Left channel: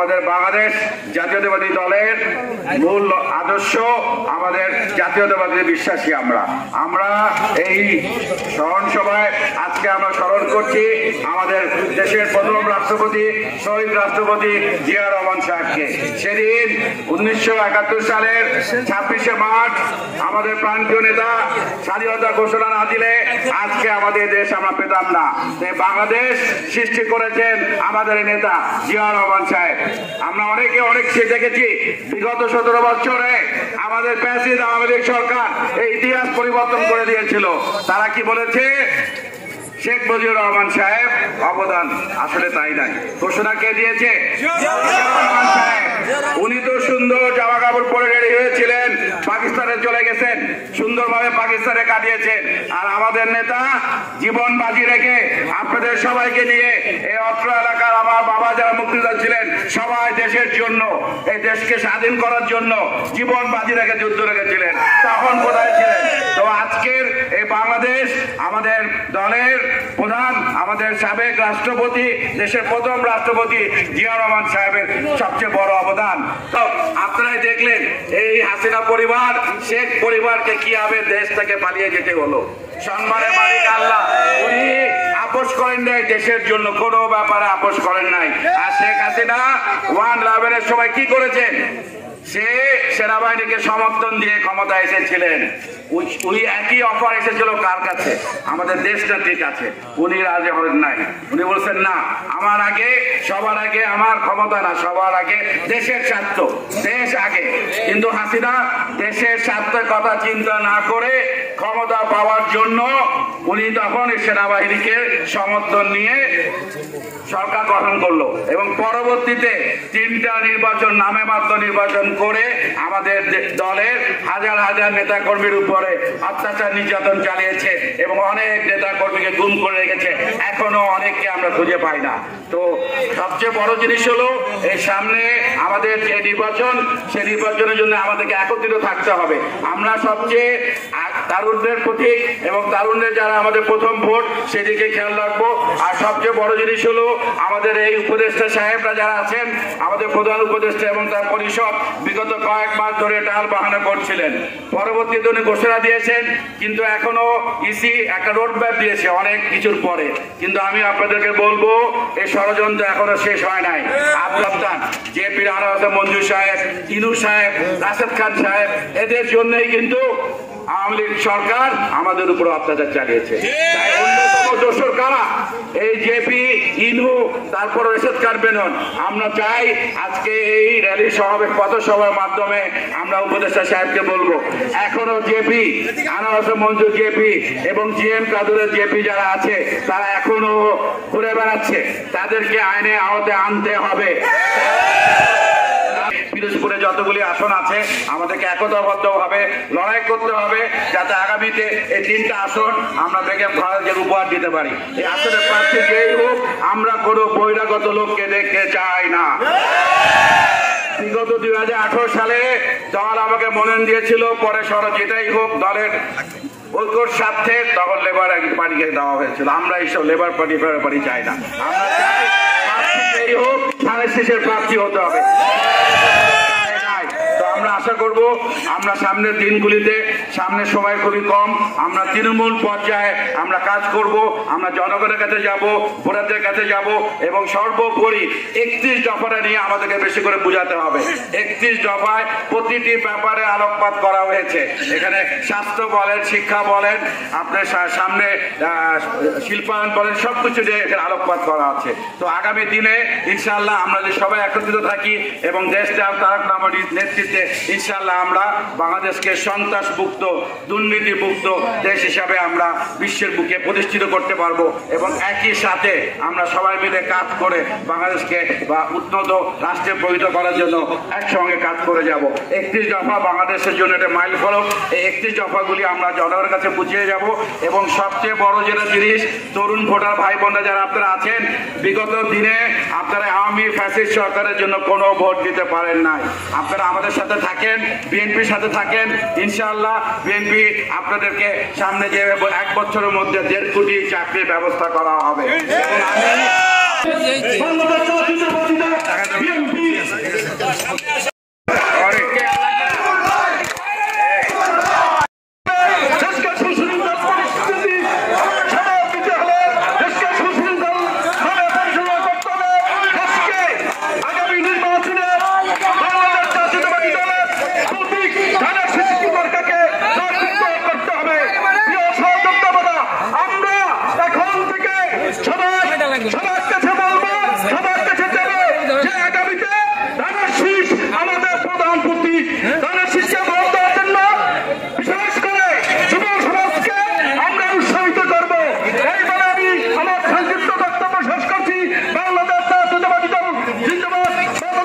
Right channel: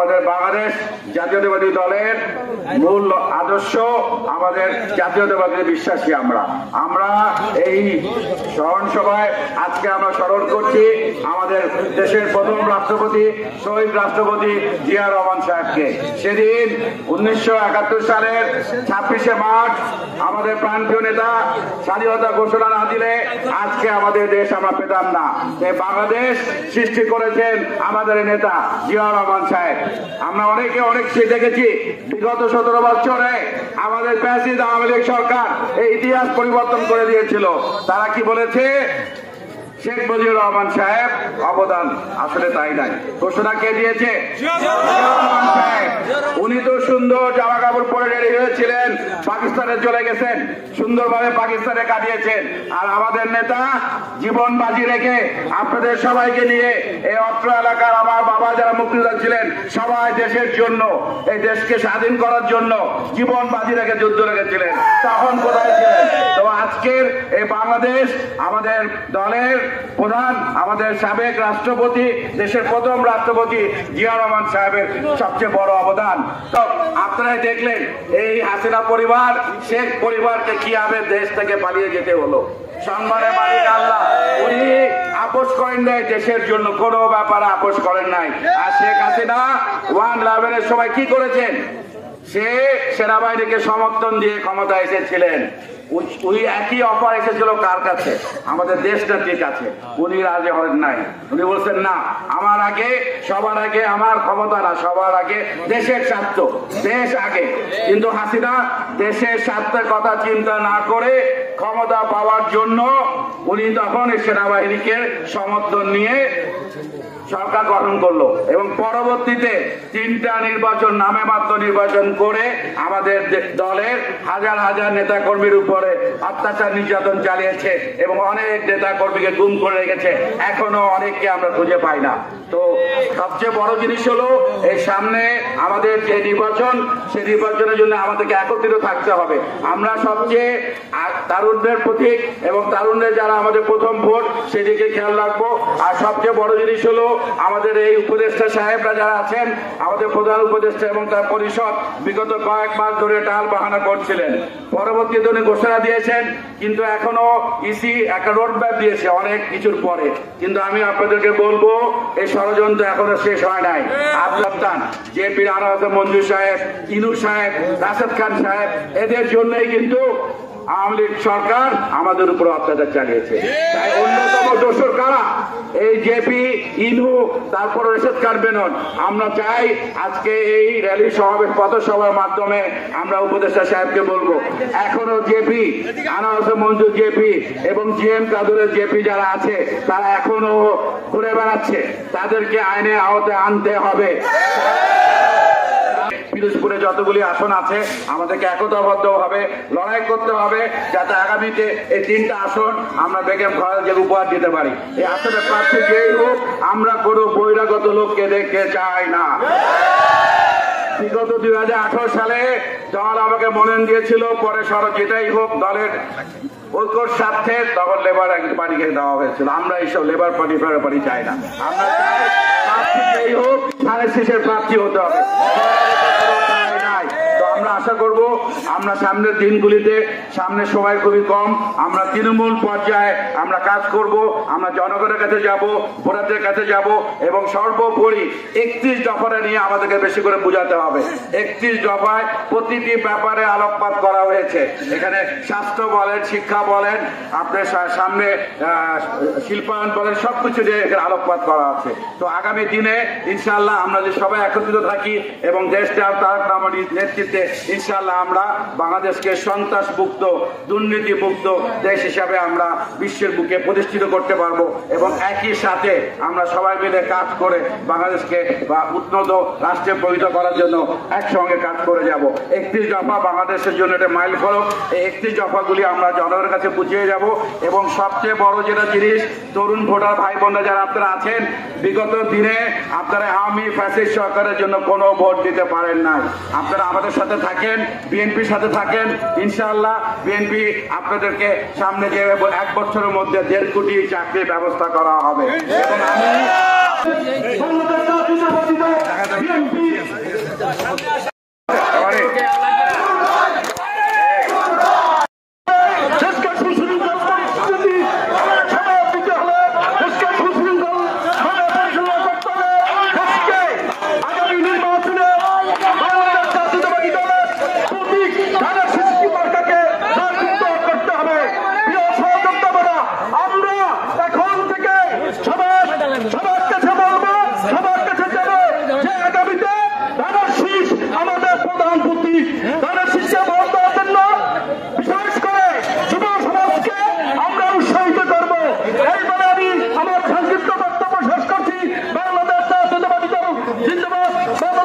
আমাদের বাংলাদেশ জাতীয়তাবাদী দলের মূল আদর্শ, আমাদের জাতীয়তাবাদী বিশ্বাসী আমরা এই স্মরণ সভায় আজকে আমরা স্মরণ করছি আমাদের দেশের প্রথম রাষ্ট্রপতি শহীদ রাষ্ট্রপতি জিয়া রহমান সাহেবকে। সেদিন 1971 সালের 26শে মার্চ আমাদের প্রান্তীয় নেতা স্বাধীনতা ঘোষণা না দিলে আজকে আমাদের দেশ আমরা পেতাম না। বাংলাদেশ সৃষ্টি করেছেন আমাদের নেতা জিয়া রহমান সাহেব। আমরা অনেক দেখেছি বিগত 17 বছরে আমাদের প্যাসিস্ট আওয়ামী লীগ সরকার এই ইতিহাস পরিবর্তন করে দিয়েছিল। তারা কি বলেছে? শেখ মুজিবুর রহমান সাহেব অবদান, আসলে তাই নাই। ঘোষণা কে দিয়েছে? উনি তো সুন্দর জামা কাপড় পরে রেডি হয়েছিলেন, পাকিস্তানে চলে গেছেন, সুন্দরভাবে পাকিস্তানে কাটিয়েছেন। আর আমাদের নেতা জীবন বাজি রেখে আপনাদের সবাইকে নিয়ে এই অত্র এলাকার আমার বাবা যারা মুক্তিযোদ্ধা ছিলেন সবাই দেশের জন্য, এই দেশকে স্বাধীন করার জন্য জীবন বাজি রেখে যুদ্ধ লেগেছিলেন। তখন কোথায় ছিলেন? তো আজকের এই বাংলাদেশ আমাদের দলের প্রধান, আমাদের সাবেক রাষ্ট্রপতি, দেশের প্রথম রাষ্ট্রপতি জিয়া রহমান সাহেবের সবচেয়ে বড় অবদান। আপনারাই দেখলেন এই হাসিনা পরিবার, শেখ পরিবারকে কিভাবে দেশ থেকে পালিয়ে যেতে হলো। সম্মানের মালিক আল্লাহ, উনি আপোষ করেন নাই, দেশের জন্য কোনো ব্যাপারে আপোষ করেন নাই। আর শেখ হাসিনা 1/11 সময় কি করেছেন? সে সেনাবাহিনীকে সমর্থন দিয়ে ক্ষমতায় এসেছিলেন। উনি একই অফার এসেছিল কার কাছে? আমাদের দেশটার কাছে। উনি রাজি হন নাই। উনি বলছেন না, আমার আগে, সবার আগে আমার ক্ষমতা না, সবার আগে দেশের স্বার্থ, দেশ আগে। কিন্তু হাসিনা দেশের স্বার্থের কথা চিন্তা না করে ক্ষমতা পাওয়ার জন্য উনি তখন সেনাবাহিনীকে সমর্থন নিয়ে সরকার গঠন করলো এবং পরবর্তীতে 3টা নির্বাচন, নামে মাত্র নির্বাচন করে আমাদের দলের হাজার হাজার নেতা কর্মীর উপরে অত্যাচার নির্যাতন চালিয়েছে এবং অনেক নেতা কর্মীকে গুম করে রেখেছে। এখনো অনেককে আমরা খুঁজে পাই না। তো সবচেয়ে বড় জিনিস হলো এই সামনে আমাদের যে নির্বাচন, সেই নির্বাচনের জন্য আমাদেরকে একত্রিত থাকতে হবে। আমরা সবচেয়ে তারুণ্যের প্রতীক এবং তারুণ্যের যারা আমাদের প্রথম ভোট, সেদিকে খেয়াল রাখবো। আর সবচেয়ে বড় জিনিস হলো আমাদের এই উপদেষ্টা সাহেবরা যারা আছেন, আমাদের প্রধান উপদেষ্টা এবং তার পরিষদ বিগত কয়েক মাস ধরে টাল বাহানা করছিলেন। পরবর্তীতে উনি ঘোষণা দিয়েছেন, কিন্তু এখনো ইসি একটা রোড ম্যাপ দিয়েছে অনেক কিছুর পরে। কিন্তু আমি আপনাদেরকে বলবো এই ষড়যন্ত্র এখনো শেষ হয় নাই। আপনার জেপি রানা হোসেন মঞ্জু সাহেব, ইনু সাহেব, রাশেদ খান সাহেব, এদের জন্যই কিন্তু আওয়ামী লীগ সরকার আমাদের উপর অত্যাচার চালিয়েছে। অন্যতম দোষর কারা? এই জেপি, ইনু, তারপর রাশেদ খান বেনন। আমরা চাই আজকে এই র্যালি সমাবেশ, পথসভার মাধ্যমে আমরা উপদেষ্টা সাহেবকে বলবো, এখনো জেপি, আনা হোসেন মঞ্জু জেপি এবং জিএম কাদুরের জেপি যারা আছে তারা এখনো ঘুরে বেড়াচ্ছে, তাদেরকে আইনের আওতায় আনতে হবে। পিরোজপুরে যতগুলি আসন আছে আমাদেরকে একতাবদ্ধভাবে লড়াই করতে হবে, যাতে আগামীতে এই 3টা আসন আমরা বেগম খালেদাকে উপহার দিতে পারি। এই আসনের প্রার্থী যেই হোক, আমরা কোনো বহিরাগত লোককে দেখতে চাই না। বিগত 2018 সালে দল আমাকে মনোনয়ন দিয়েছিল, পরে সরব যেটাই হোক দলের ঐক্যর স্বার্থে তখন লেবার পার্টিকে দেওয়া হয়েছিল। আমরা এইসব লেবার পার্টি চাই না। যেই হোক ধানের প্রার্থী হতে হবে। আশা করব আমরা সামনের দিনগুলিতে, সামনের সময় খুবই কম, আমরা তৃণমূল পর্যায়ে আমরা কাজ করব। আমরা জনগণের কাছে যাব, ভোটারদের কাছে যাব এবং সর্বোপরি 31 দফাটা নিয়ে আমাদেরকে বেশি করে বোঝাতে হবে। 31 দফায় প্রতিটি ব্যাপারে আলোকপাত করা হয়েছে। এখানে স্বাস্থ্য বলেন, শিক্ষা বলেন, আপনার সামনে শিল্পায়ন বলেন, সবকিছু নিয়ে এখানে আলোকপাত করা আছে। তো আগামী দিনে ইনশাআল্লাহ আমরা যে সবাই একত্রিত থাকি এবং দেশটা তারেক রহমানের নেতৃত্বে ইনশাআল্লাহ আমরা বাংলাদেশকে সন্ত্রাস মুক্ত, দুর্নীতি মুক্ত দেশ হিসাবে আমরা বিশ্বের বুকে প্রতিষ্ঠিত করতে পারবো। এবং একই সাথে আমরা সবাই মিলে কাজ করে বাংলাদেশকে বা উন্নত রাষ্ট্রে পরিণত করার জন্য একসঙ্গে কাজ করে যাব। 31 দফা বাংলাদেশের জন্য একটা মাইল ফলক। এই 31 দফাগুলি আমরা জনগণের কাছে বুঝিয়ে যাব এবং সবচেয়ে বড় যেটা জিনিস, তরুণ ভোটার ভাই বোনরা যারা আপনারা আছেন, বিগত দিনে আপনারা আওয়ামী ফ্যাসিস্ট সরকারের জন্য কোনো ভোট দিতে পারেন না। আপনারা আমাদের সাথে থাকেন, বিএনপির সাথে থাকেন, ইনশাআল্লাহ বিএনপি আপনাদেরকে সামনে যে 1 বছরের মধ্যে 1.5 কোটি চাকরির ব্যবস্থা করা হবে। জিন্দাবাদ।